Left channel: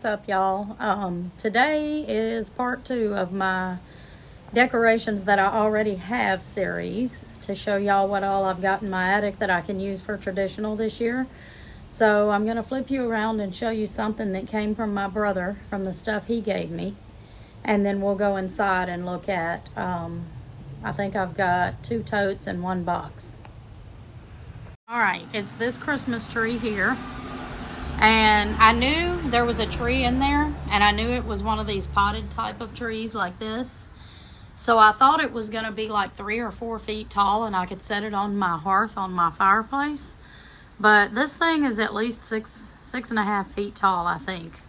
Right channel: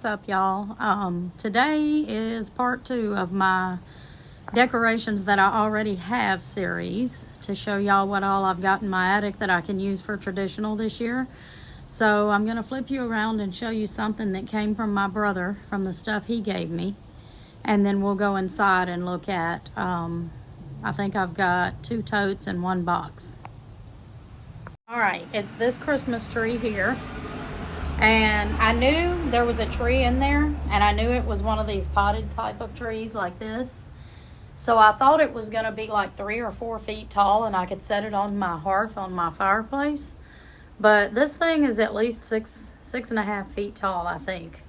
what's up, y'all? Today is part 2 of my decorations that I already have series to show y'all what all I've got in my attic that I can use for traditional this year. So I'm gonna flip you around and show you something that came from my brother, from the stuff he gave me, and then we'll go inside and look at I think I've got 2 totes and 1 box. All right, it's this Christmas tree here. And I knew there was a tree in there, and I knew it was one of these potted type of trees like this. So I thought it was gonna be like 3 or 4 feet tall and I could set it on my hearth on my fireplace. But this thing is at least 6.5 feet tall, I think.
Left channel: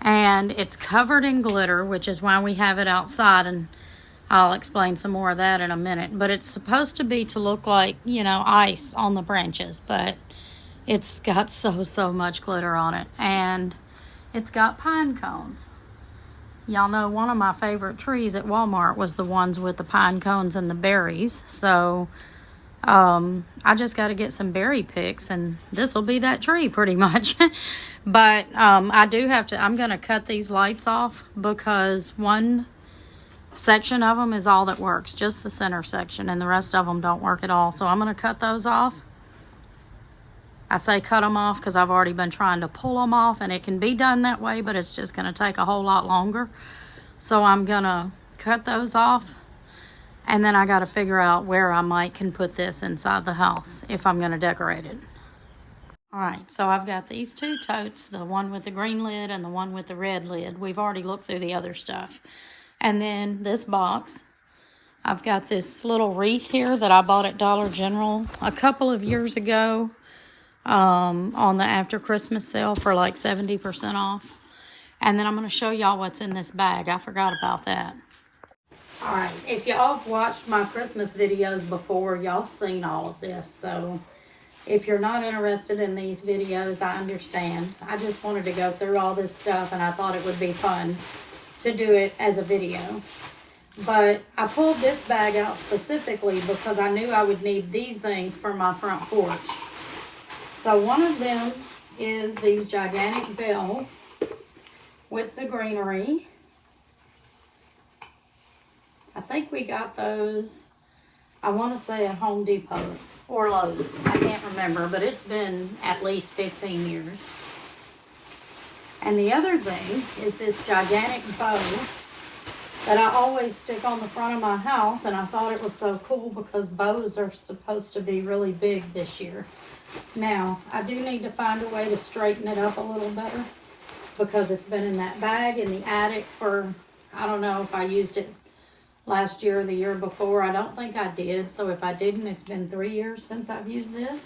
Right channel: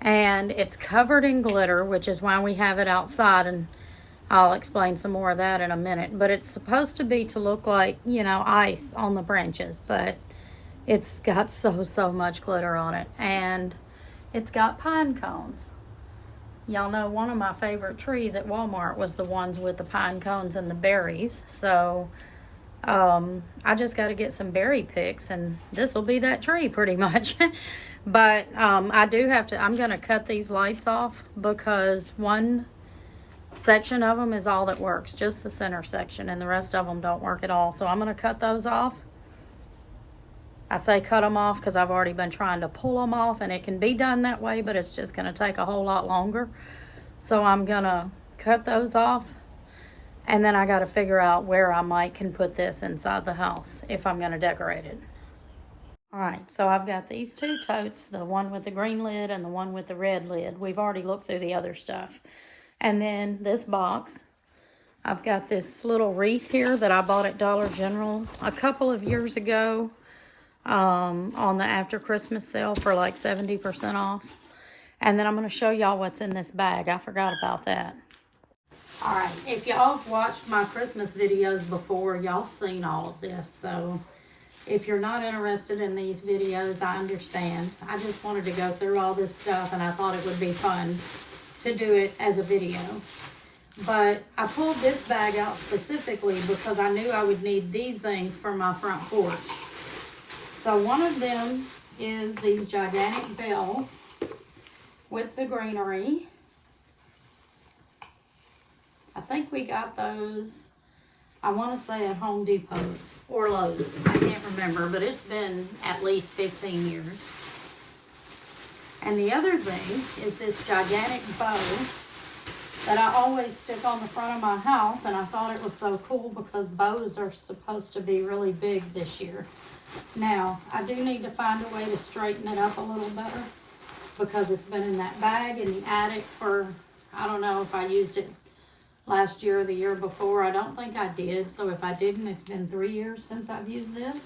And it's covered in glitter, which is why we have it outside, and I'll explain some more of that in a minute. But it's supposed to be to look like, you know, ice on the branches, but it's got so much glitter on it. And it's got pine cones. Y'all know one of my favorite trees at Walmart was the ones with the pine cones and the berries. So I just got to get some berry picks, and this will be that tree pretty much. But I do have to, I'm going to cut these lights off because one section of them is all that works, just the center section, and the rest of them don't work at all. So I'm going to cut those off. I say cut them off because I've already been trying to pull them off, and it can be done that way, but it's just going to take a whole lot longer. So I'm going to cut those off, and then I got to figure out where I can put this inside the house if I'm going to decorate it. All right, so I've got these 2 totes, the one with the green lid and the one with the red lid. We've already looked through the other stuff. And then this box, I've got this little wreath here that I bought at Dollar General a couple of years ago. On the after Christmas sale for like 70% off. And then I'm going to show y'all what's in this bag. I forgot about that. All right, if y'all have watched my Christmas videos before, y'all seen all of this. So if you're not interested in these videos, I understand. I just wanted to go through all this stuff, and I thought it would be fun to do it as a video. But I pulled this bag out specifically because I knew I would need these things for my front porch. So one of them is these gigantic bells with the greenery. I think we got those, I want to say at Home Depot or Lowe's. I can't remember, but it's been at least 15 years. And the other thing is this gigantic bow that I always stick on the front of my house, and I thought it was so cool because bows are supposed to be really big this year. Now, I do need to find a way to straighten it up a little better because it's been in that bag in the attic for, I don't know if I used it last year or the year before. I don't think I did. So if I didn't, it's been 3 years since I've used this.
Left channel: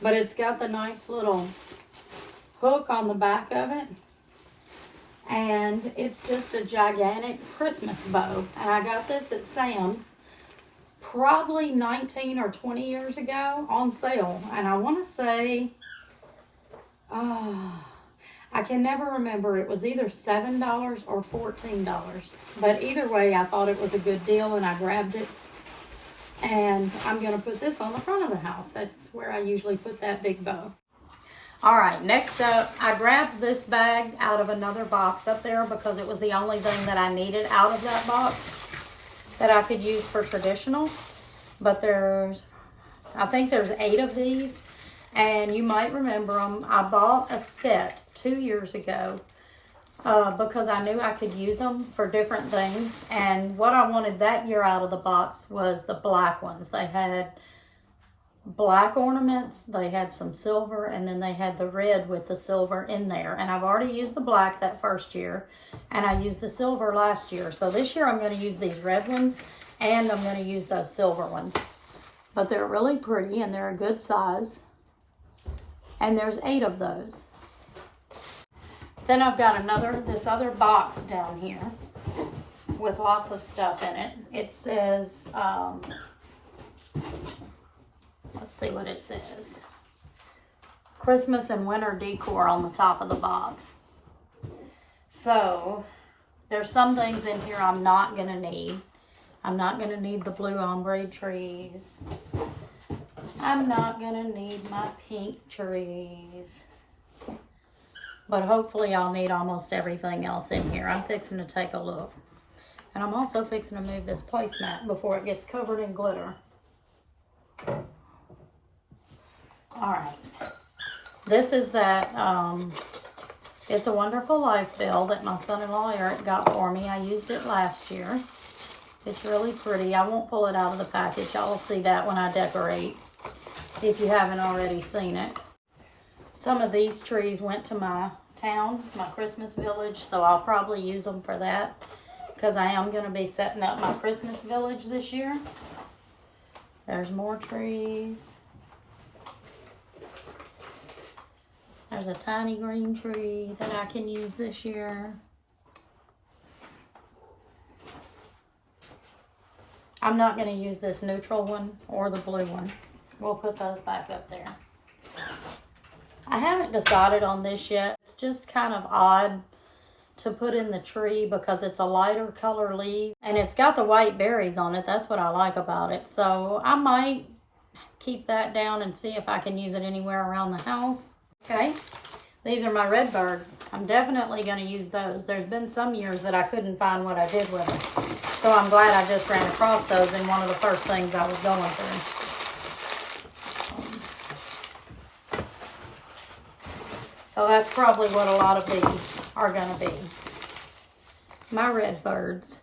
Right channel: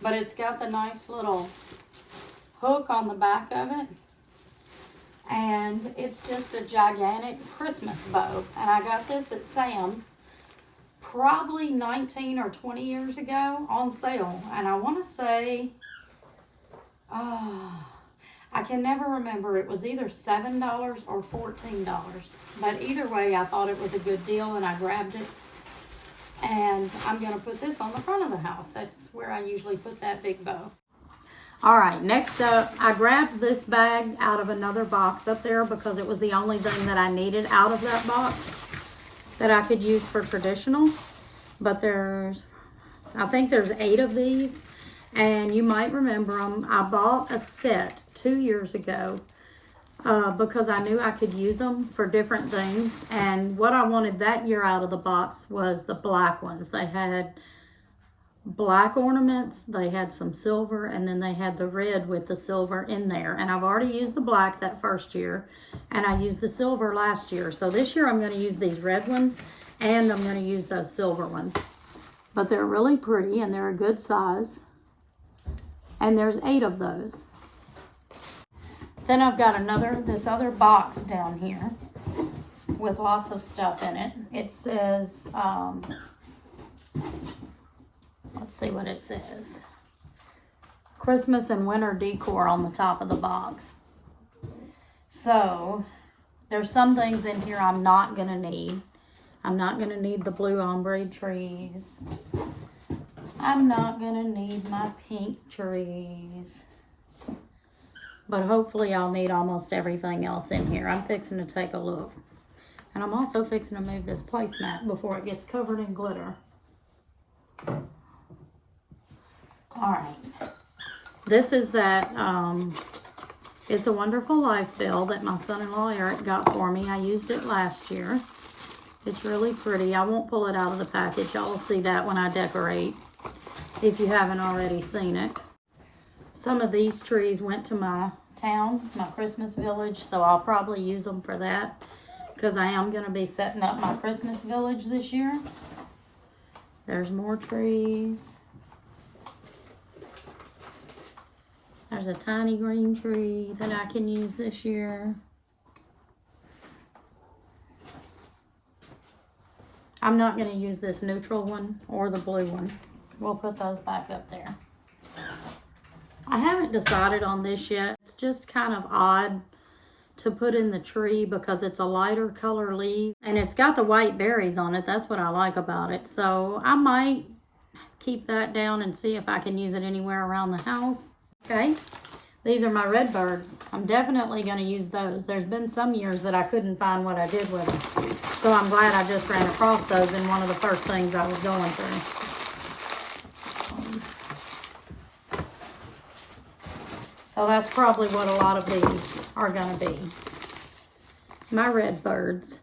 But it's got the nice little hook on the back of it. And it's just a gigantic Christmas bow. And I got this at Sam's probably 19 or 20 years ago on sale. And I want to say, I can never remember. It was either $7 or $14. But either way, I thought it was a good deal and I grabbed it. And I'm going to put this on the front of the house. That's where I usually put that big bow. All right, next up, I grabbed this bag out of another box up there because it was the only thing that I needed out of that box that I could use for traditional. But I think there's 8 of these, and you might remember them. I bought a set 2 years ago because I knew I could use them for different things. And what I wanted that year out of the box was the black ones. They had black ornaments, they had some silver, and then they had the red with the silver in there. And I've already used the black that first year, and I used the silver last year. So this year I'm going to use these red ones, and I'm going to use those silver ones. But they're really pretty, and they're a good size. And there's 8 of those. Then I've got this other box down here with lots of stuff in it. It says, let's see what it says. Christmas and winter decor on the top of the box. So there's some things in here I'm not going to need. I'm not going to need the blue ombre trees. I'm not going to need my pink trees. but hopefully I'll need almost everything else in here. I'm fixing to take a look. And I'm also fixing to move this placemat before it gets covered in glitter. Alright. This is that It's a Wonderful Life bill that my son-in-law Eric got for me. I used it last year. It's really pretty. I won't pull it out of the package. Y'all will see that when I decorate, if you haven't already seen it. Some of these trees went to my town, my Christmas village, so I'll probably use them for that, because I am going to be setting up my Christmas village this year. There's more trees. There's a tiny green tree that I can use this year. I'm not going to use this neutral one or the blue one. We'll put those back up there. I haven't decided on this yet. It's just kind of odd to put in the tree because it's a lighter color leaf and it's got the white berries on it. That's what I like about it. So I might keep that down and see if I can use it anywhere around the house. Okay, these are my red birds. I'm definitely going to use those. There's been some years that I couldn't find what I did with them. So I'm glad I just ran across those in one of the first things I was going through. So that's probably what a lot of these are going to be. My red birds.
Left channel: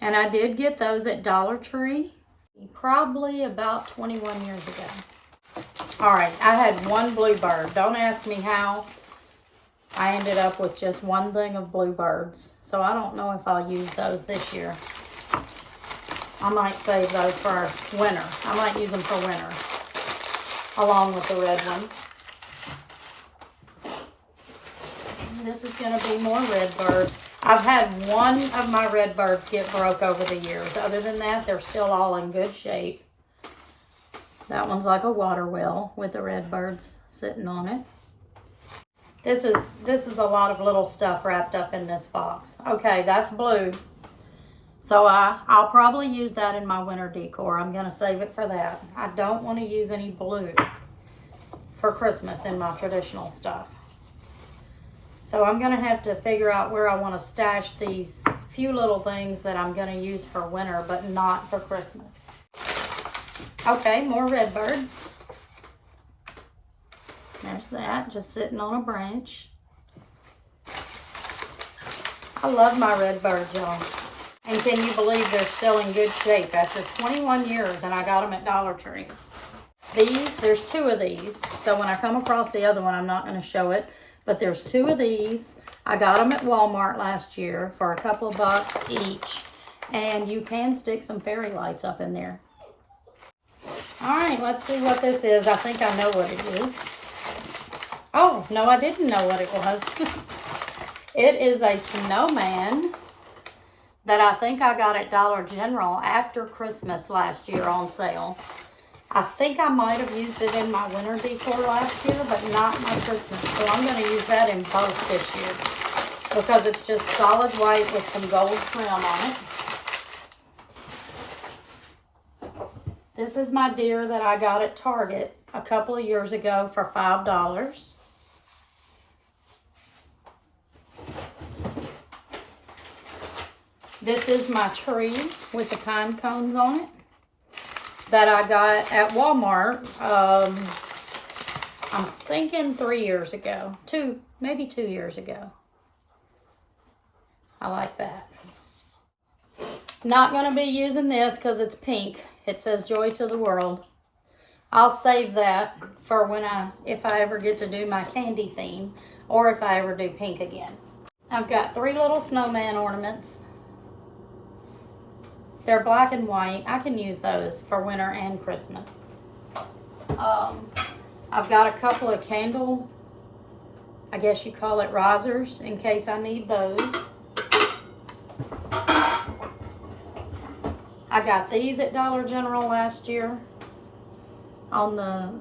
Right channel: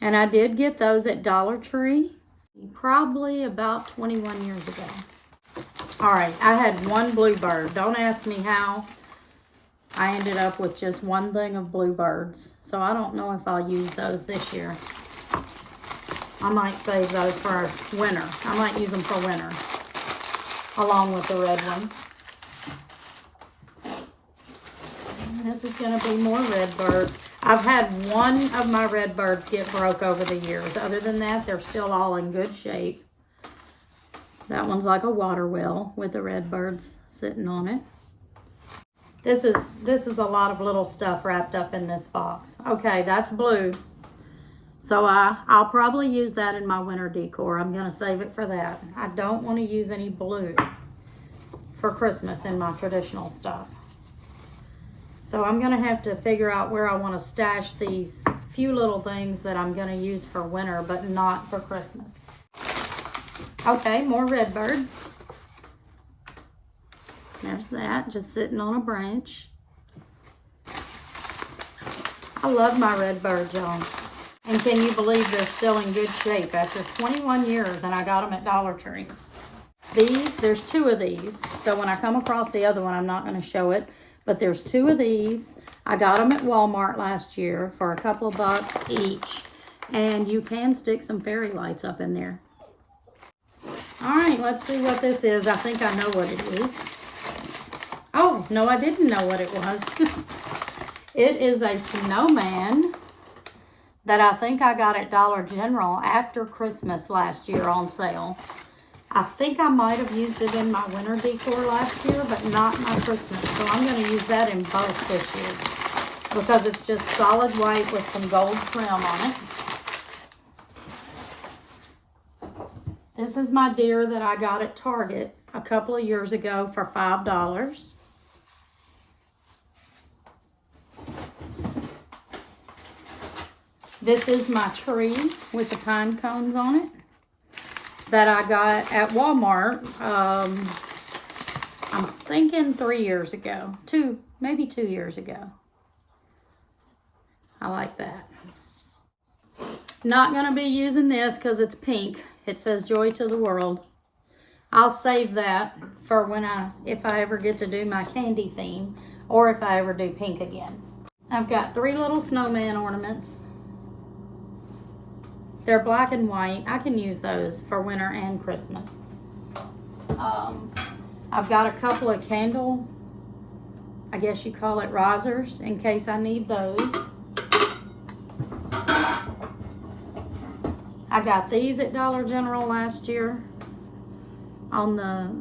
And I did get those at Dollar Tree probably about 21 years ago. Alright, I had one bluebird. Don't ask me how I ended up with just one thing of bluebirds. So I don't know if I'll use those this year. I might save those for winter. I might use them for winter, along with the red ones. This is going to be more red birds. I've had one of my red birds get broke over the years. Other than that, they're still all in good shape. That one's like a water well with the red birds sitting on it. This is a lot of little stuff wrapped up in this box. Okay, that's blue. So I'll probably use that in my winter decor. I'm going to save it for that. I don't want to use any blue for Christmas in my traditional stuff. So I'm going to have to figure out where I want to stash these few little things that I'm going to use for winter, but not for Christmas. Okay, more red birds. There's that, just sitting on a branch. I love my red birds, y'all. And can you believe they're still in good shape after 21 years and I got them at Dollar Tree. There's two of these. So when I come across the other one, I'm not going to show it. But there's two of these. I got them at Walmart last year for a couple of bucks each. And you can stick some fairy lights up in there. All right, let's see what this is. I think I know what it is. Oh, no, I didn't know what it was. It is a snowman that I think I got at Dollar General after Christmas last year on sale. I think I might have used it in my winter decor last year, but not my Christmas. So I'm going to use that in both this year because it's just solid white with some gold trim on it. This is my deer that I got at Target a couple of years ago for $5. This is my tree with the pine cones on it that I got at Walmart, I'm thinking 3 years ago. Maybe 2 years ago. I like that. Not going to be using this because it's pink. It says Joy to the World. I'll save that for if I ever get to do my candy theme or if I ever do pink again. I've got 3 little snowman ornaments. They're black and white. I can use those for winter and Christmas. I've got a couple of candle, I guess you call it risers, in case I need those. I got these at Dollar General last year on the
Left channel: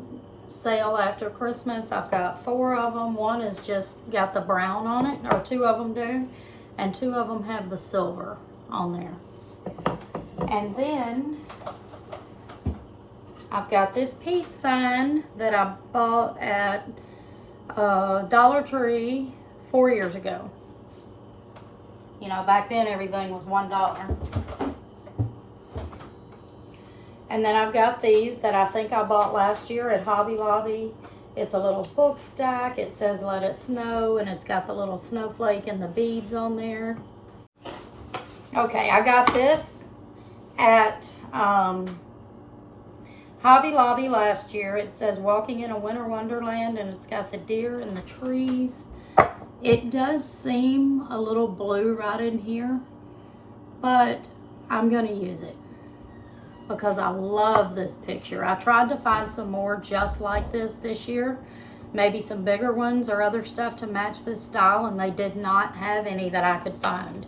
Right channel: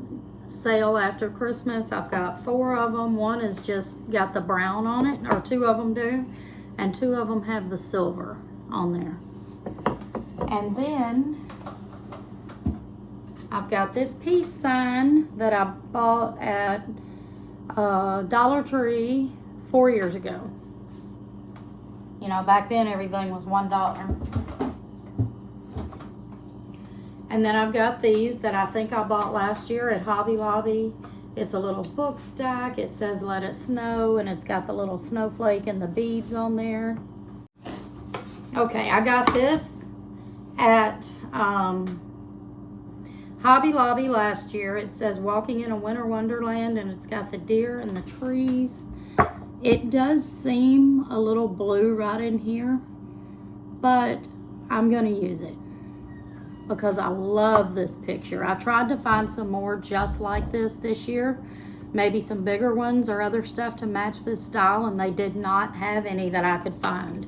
sale after Christmas. I've got 4 of them. One is just got the brown on it, or 2 of them do, and 2 of them have the silver on there. And then I've got this peace sign that I bought at Dollar Tree 4 years ago. You know, back then everything was $1. And then I've got these that I think I bought last year at Hobby Lobby. It's a little book stack. It says Let It Snow, and it's got the little snowflake and the beads on there. Okay, I got this at Hobby Lobby last year. It says Walking in a Winter Wonderland, and it's got the deer and the trees. It does seem a little blue right in here, but I'm going to use it because I love this picture. I tried to find some more just like this year, maybe some bigger ones or other stuff to match this style, and they did not have any that I could find.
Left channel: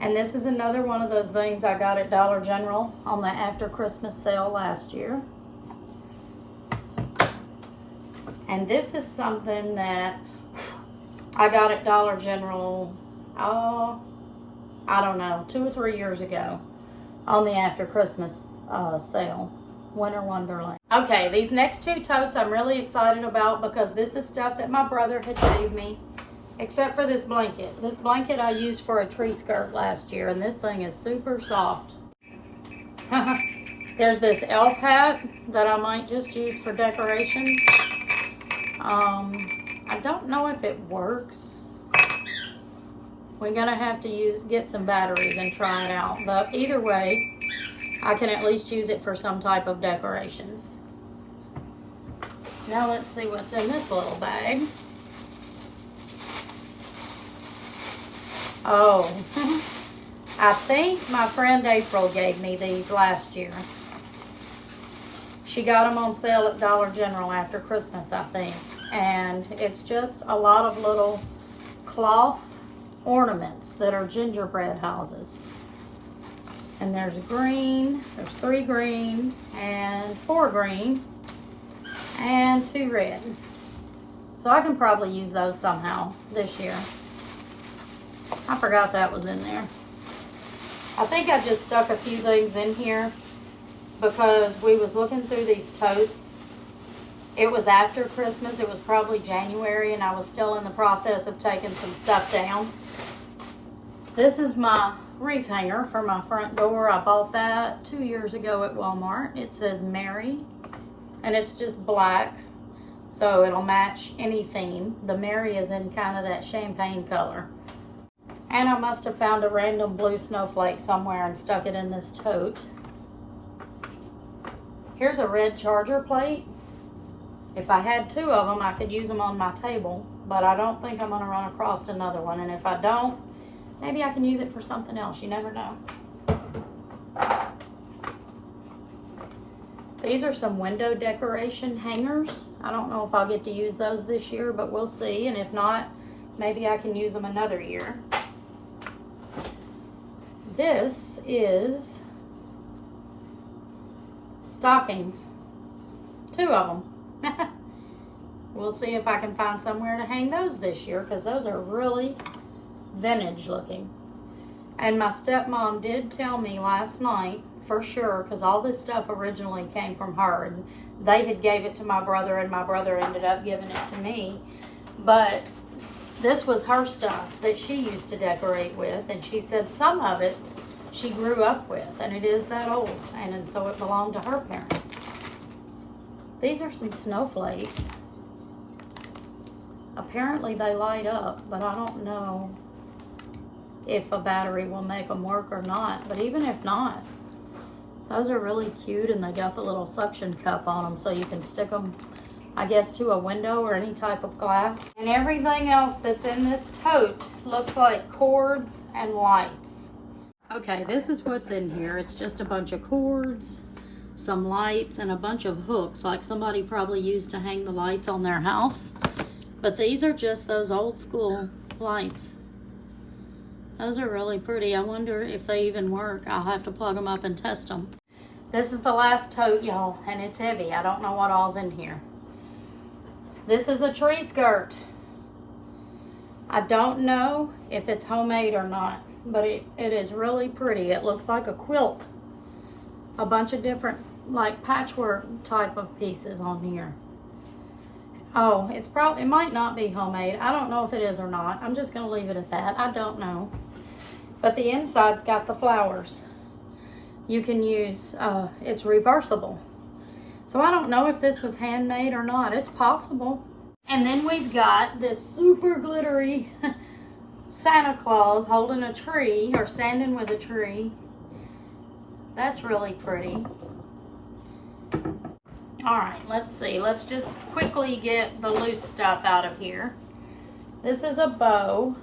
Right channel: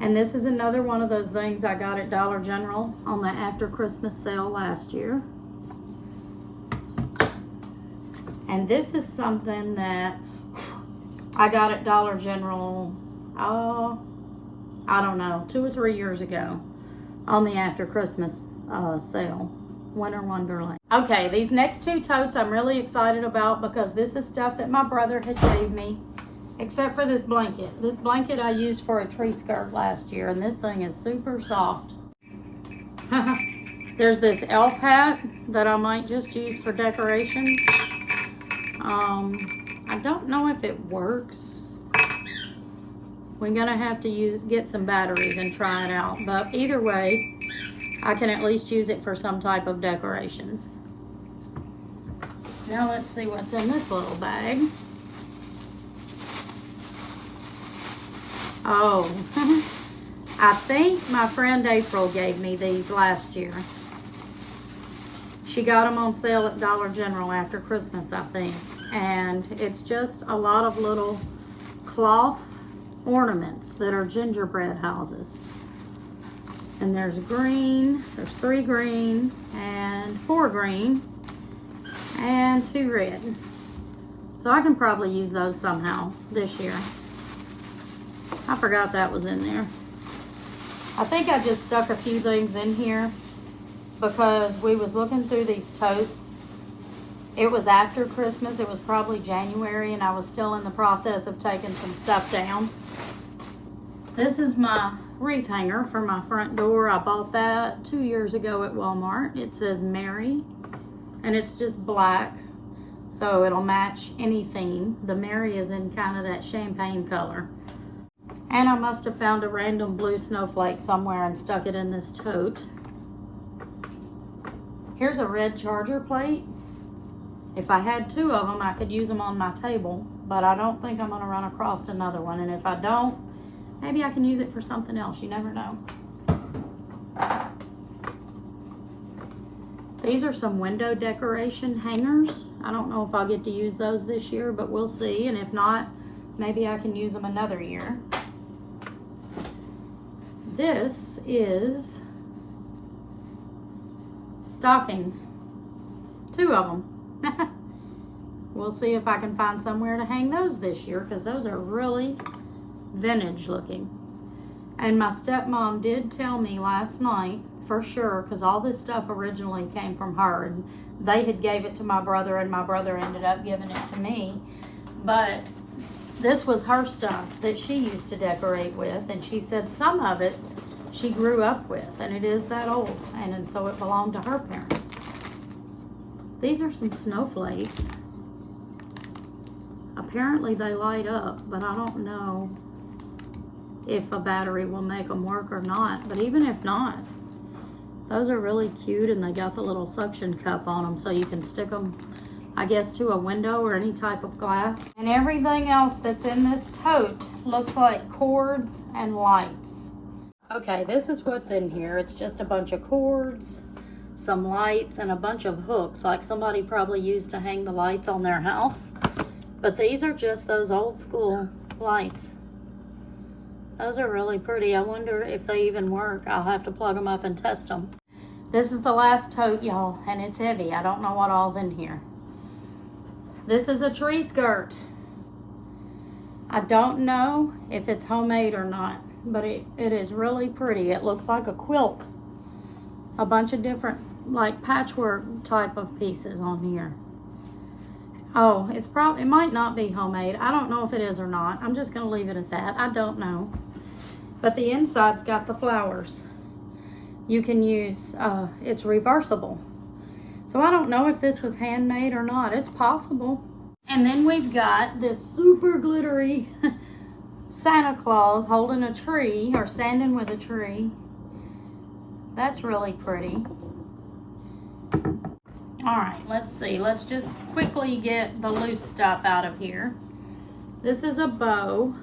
And this is another one of those things I got at Dollar General on the after Christmas sale last year. And this is something that I got at Dollar General, I don't know, 2 or 3 years ago on the after Christmas sale, Winter Wonderland. Okay, these next 2 totes I'm really excited about because this is stuff that my brother had gave me, except for this blanket. This blanket I used for a tree skirt last year, and this thing is super soft. There's this elf hat that I might just use for decorations. I don't know if it works. We're gonna have to get some batteries and try it out. But either way, I can at least use it for some type of decorations. Now let's see what's in this little bag. Oh, I think my friend April gave me these last year. She got them on sale at Dollar General after Christmas, I think. And it's just a lot of little cloth ornaments that are gingerbread houses. And there's green, there's 3 green, and 4 green, and 2 red. So I can probably use those somehow this year. I forgot that was in there. I think I just stuck a few things in here because we was looking through these totes. It was after Christmas. It was probably January, and I was still in the process of taking some stuff down. This is my wreath hanger for my front door. I bought that 2 years ago at Walmart. It says Mary, and it's just black, so it'll match any theme. The Mary is in kind of that champagne color. And I must have found a random blue snowflake somewhere and stuck it in this tote. Here's a red charger plate. If I had 2 of them, I could use them on my table, but I don't think I'm gonna run across another one. And if I don't, maybe I can use it for something else. You never know. These are some window decoration hangers. I don't know if I'll get to use those this year, but we'll see. And if not, maybe I can use them another year. This is stockings. 2 of them. We'll see if I can find somewhere to hang those this year because those are really vintage looking. And my stepmom did tell me last night for sure, because all this stuff originally came from her, and they had gave it to my brother, and my brother ended up giving it to me. But this was her stuff that she used to decorate with, and she said some of it she grew up with, and it is that old, and so it belonged to her parents. These are some snowflakes. Apparently they light up, but I don't know if a battery will make them work or not. But even if not, those are really cute, and they got the little suction cup on them so you can stick them, I guess, to a window or any type of glass. And everything else that's in this tote looks like cords and lights. Okay, this is what's in here. It's just a bunch of cords, some lights, and a bunch of hooks, like somebody probably used to hang the lights on their house. But these are just those old school lights. Those are really pretty. I wonder if they even work. I'll have to plug them up and test them. This is the last tote, y'all, and it's heavy. I don't know what all's in here. This is a tree skirt. I don't know if it's homemade or not, but it is really pretty. It looks like a quilt. A bunch of different, like, patchwork type of pieces on here. Oh, it might not be homemade. I don't know if it is or not. I'm just gonna leave it at that. I don't know. But the inside's got the flowers. You can use, it's reversible. So I don't know if this was handmade or not. It's possible. And then we've got this super glittery Santa Claus holding a tree or standing with a tree. That's really pretty. All right, let's see. Let's just quickly get the loose stuff out of here. This is a bow,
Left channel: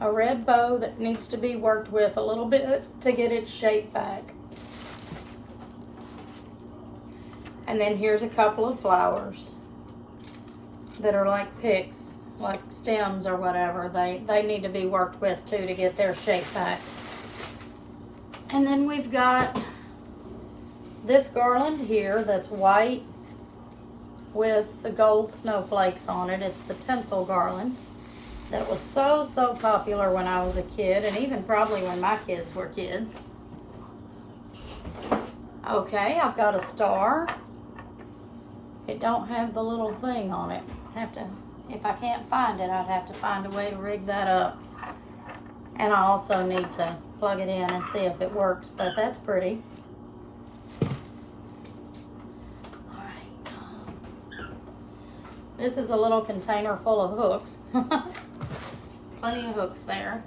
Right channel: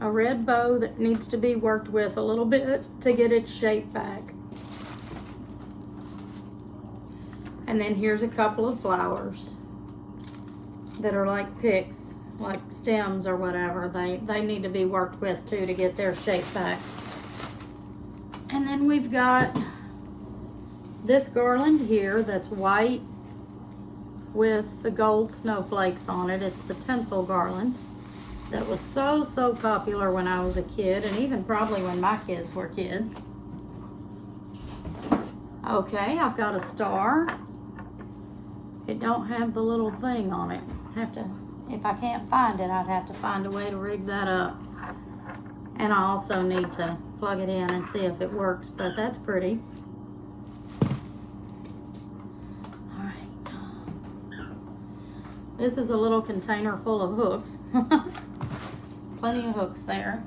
a red bow that needs to be worked with a little bit to get its shape back. And then here's a couple of flowers that are like picks, like stems or whatever. They need to be worked with too to get their shape back. And then we've got this garland here that's white with the gold snowflakes on it. It's the tinsel garland that was so popular when I was a kid, and even probably when my kids were kids. Okay, I've got a star. It don't have the little thing on it. If I can't find it, I'd have to find a way to rig that up. And I also need to plug it in and see if it works, but that's pretty. This is a little container full of hooks. Plenty of hooks there.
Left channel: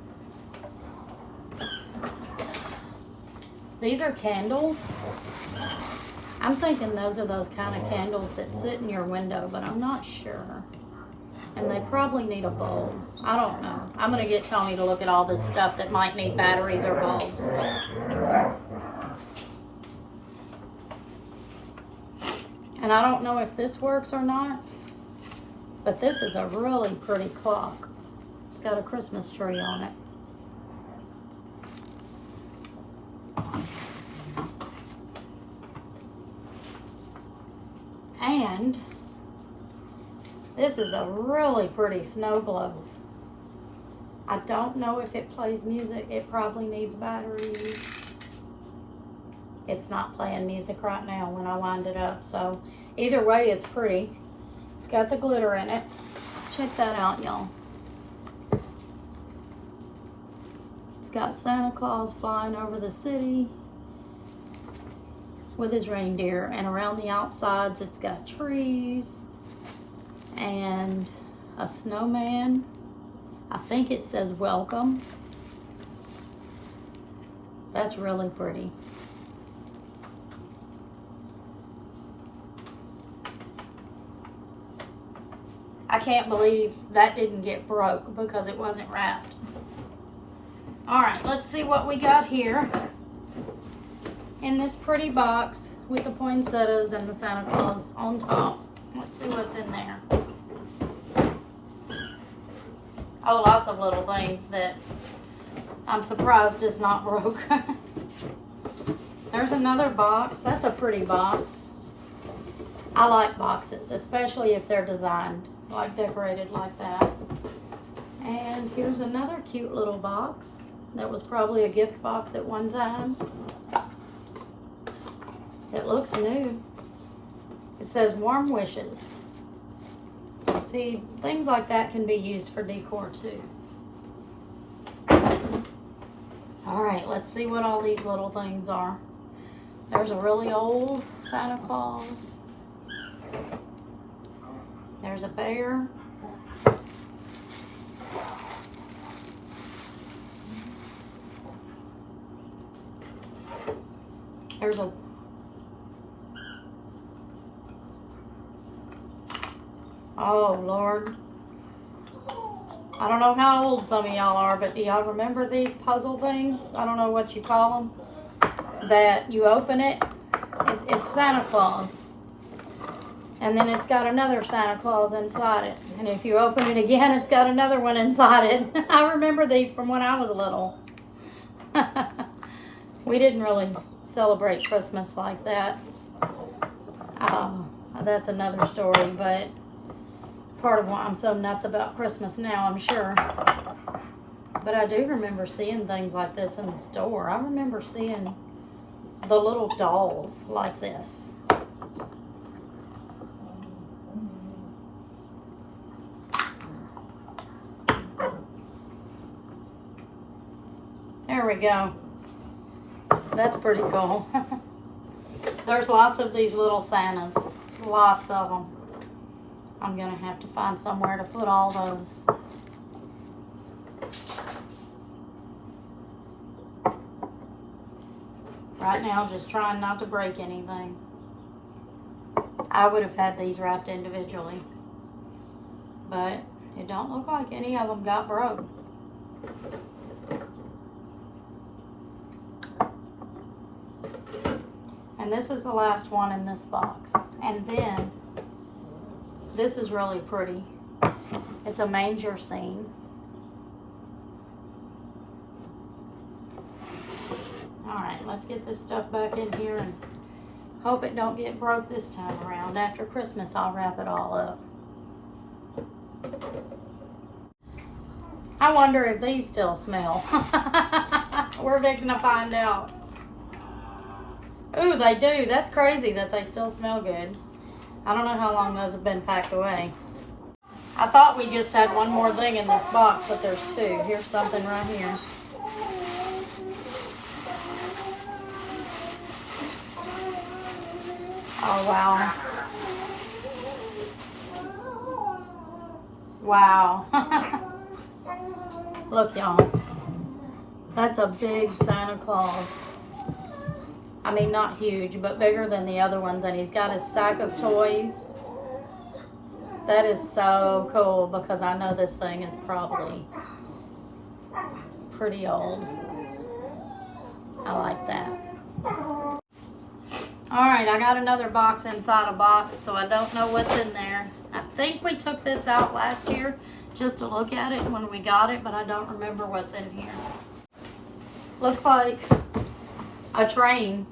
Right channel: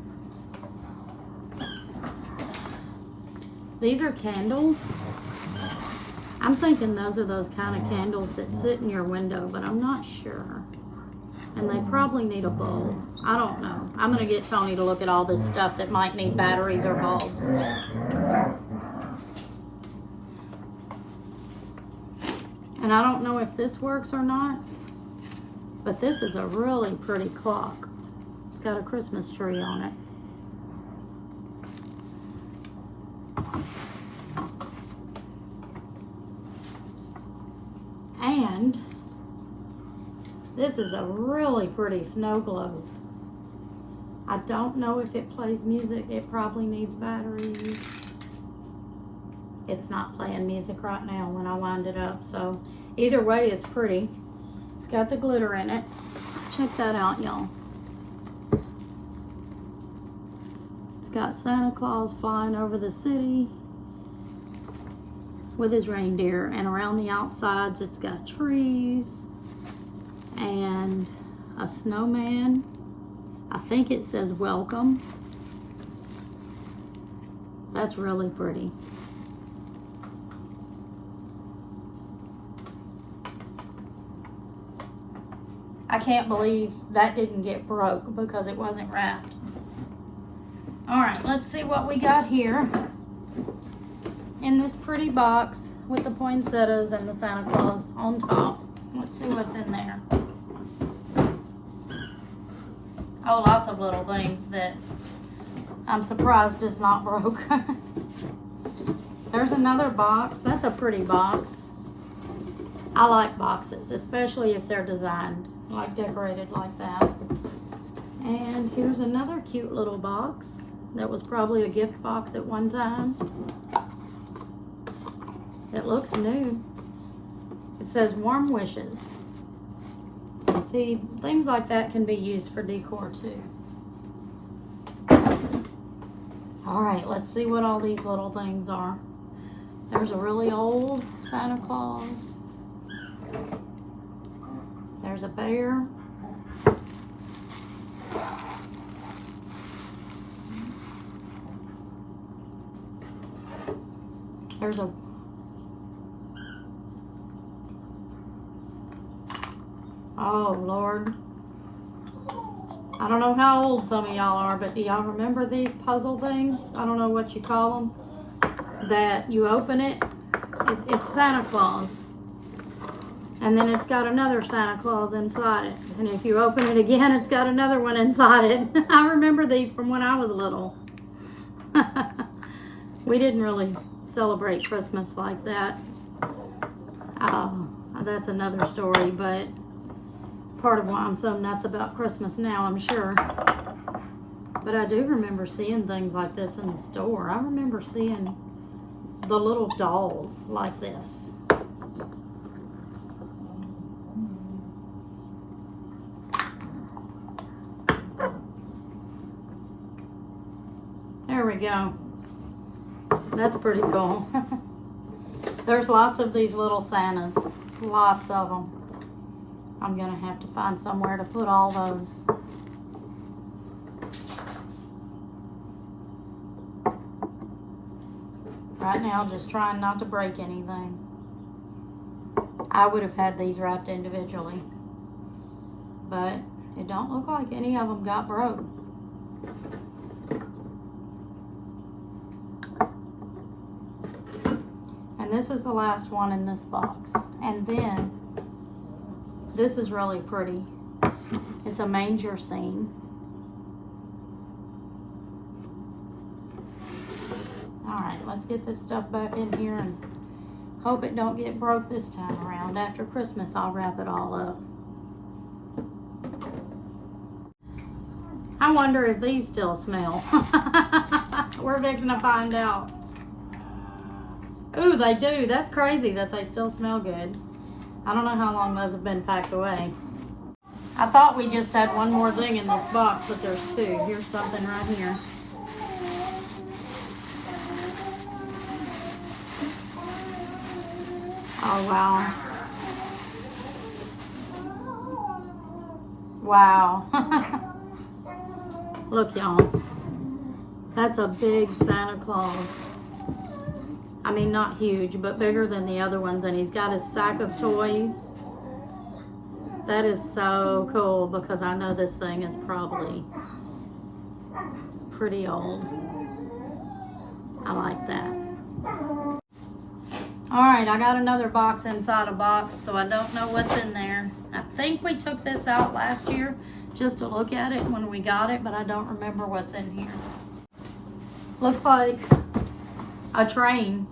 These are candles. I'm thinking those are those kind of candles that sit in your window, but I'm not sure. And they probably need a bulb. I don't know. I'm gonna get Tony to look at all this stuff that might need batteries or bulbs. And I don't know if this works or not, but this is a really pretty clock. It's got a Christmas tree on it. And this is a really pretty snow globe. I don't know if it plays music. It probably needs batteries. It's not playing music right now when I wind it up. So either way, it's pretty. It's got the glitter in it. Check that out, y'all. It's got Santa Claus flying over the city with his reindeer, and around the outsides it's got trees and a snowman. I think it says welcome. That's really pretty. I can't believe that didn't get broke because it wasn't wrapped. All right, let's see what we got here in this pretty box with the poinsettias and the Santa Claus on top. Let's see what's in there. Oh, lots of little things that I'm surprised is not broke. There's another box. That's a pretty box. I like boxes, especially if they're designed, like decorated like that. And here's another cute little box that was probably a gift box at one time. It looks new. It says warm wishes. See, things like that can be used for decor too. All right, let's see what all these little things are. There's a really old Santa Claus. There's a bear. There's a oh, Lord. I don't know how old some of y'all are, but do y'all remember these puzzle things? I don't know what you call them. That you open it, it's Santa Claus. And then it's got another Santa Claus inside it. And if you open it again, it's got another one inside it. I remember these from when I was little. We didn't really celebrate Christmas like that. That's another story, but part of why I'm so nuts about Christmas now, I'm sure. But I do remember seeing things like this in the store. I remember seeing the little dolls like this. go. That's pretty cool. There's lots of these little Santas. Lots of them. I'm going to have to find somewhere to put all those. Right now, just trying not to break anything. I would have had these wrapped individually, but it don't look like any of them got broke. And this is the last one in this box. And then, this is really pretty. It's a manger scene. Alright, let's get this stuff back in here and hope it don't get broke this time around. After Christmas, I'll wrap it all up. I wonder if these still smell. We're fixing to find out. Ooh, they do. That's crazy that they still smell good. I don't know how long those have been packed away. I thought we just had one more thing in this box, but there's two. Here's something right here. Oh, wow. Wow. Look, y'all. That's a big Santa Claus. I mean, not huge, but bigger than the other ones. And he's got his sack of toys. That is so cool because I know this thing is probably pretty old. I like that. Alright, I got another box inside a box, so I don't know what's in there. I think we took this out last year just to look at it when we got it, but I don't remember what's in here. Looks like a train.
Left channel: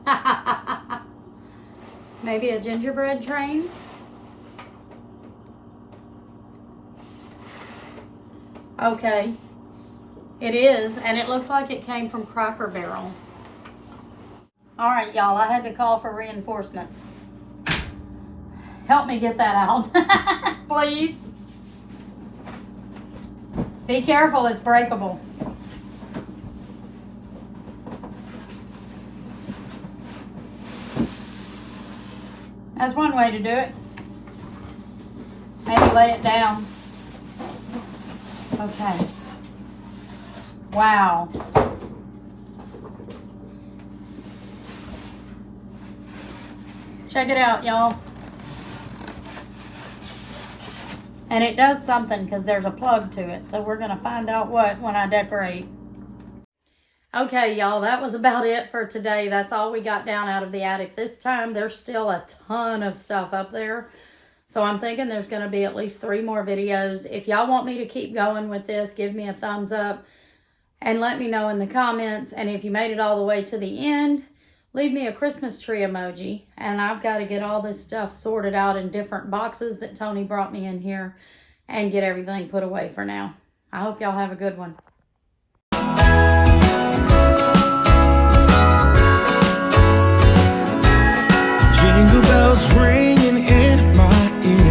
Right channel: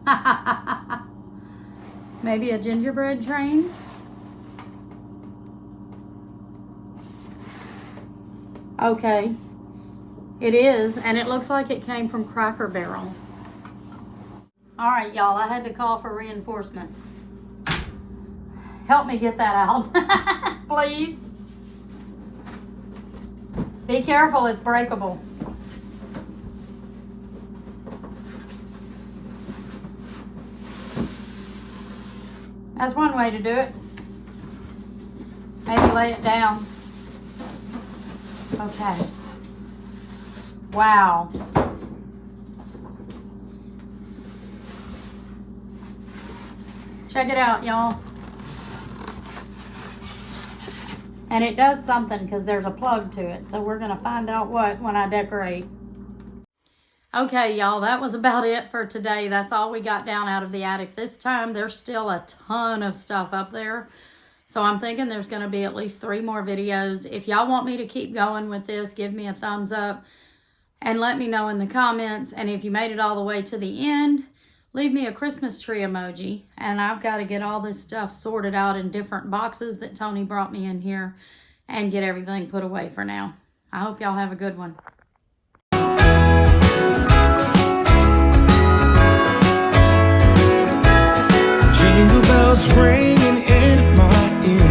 Maybe a gingerbread train? Okay. It is, and it looks like it came from Cracker Barrel. All right, y'all, I had to call for reinforcements. Help me get that out, please. Be careful, it's breakable. That's one way to do it. Maybe lay it down. Okay. Wow. Check it out, y'all. And it does something because there's a plug to it. So we're going to find out what when I decorate. Okay, y'all, that was about it for today. That's all we got down out of the attic this time. There's still a ton of stuff up there. So I'm thinking there's going to be at least 3 more videos. If y'all want me to keep going with this, give me a thumbs up and let me know in the comments. And if you made it all the way to the end, leave me a Christmas tree emoji. And I've got to get all this stuff sorted out in different boxes that Tony brought me in here and get everything put away for now. I hope y'all have a good one. Jingle bells ringing in my ear.